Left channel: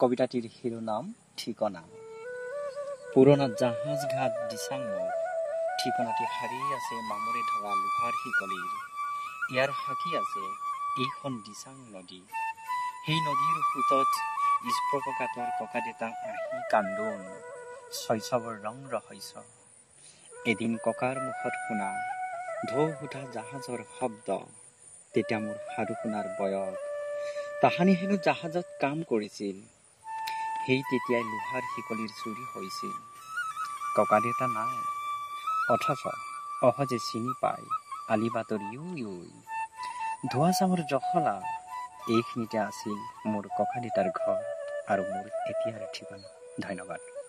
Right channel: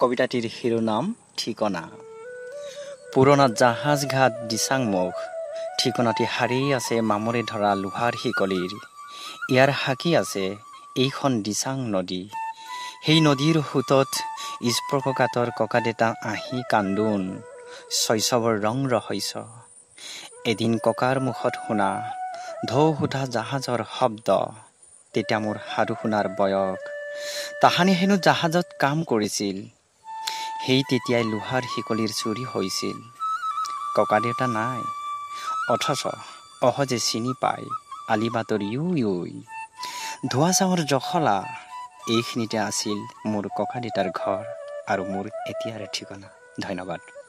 কবিতাটিৰ শিৰোনাম ঠিকনা। পুৰোনা জাহাজ ঘাট দিচাংমুখ, ঠিকনাটি হাৰিয়ে আছে মামৰে ধৰা লোহাৰ শিকলিৰ। ইয়াৰ সাকি আছে এইখন দিচাং নদী। সেই নদীৰ সোঁতত স্পৰ্শকাতৰ ককাদেউতা আহি কান্দোন, শৈশৱৰ ৰং ৰহস্য। এদিন ককাৰ মুখত শুনা ঢৌ সোধা জাহাজৰ শব্দ, তেতিয়া মোৰ সাধু শুনাৰ বয়স। তাহানি হেনো জাহাজত কাম কৰিছিল, সেই তেতিয়াই লোহাৰ শিকলিৰ চুৰি হৈছিল। ককাদেউতা নাই, অথচ অহজে চিনি পায় আলিবাটৰ ইউই। ধোৱা চাউৰ জখলা, এইখিনিতে আছিল মোৰ ককাদেউতাৰ ঘৰ আৰু মোৰ এতিয়াৰ ঠিকনা। ধন্যবাদ।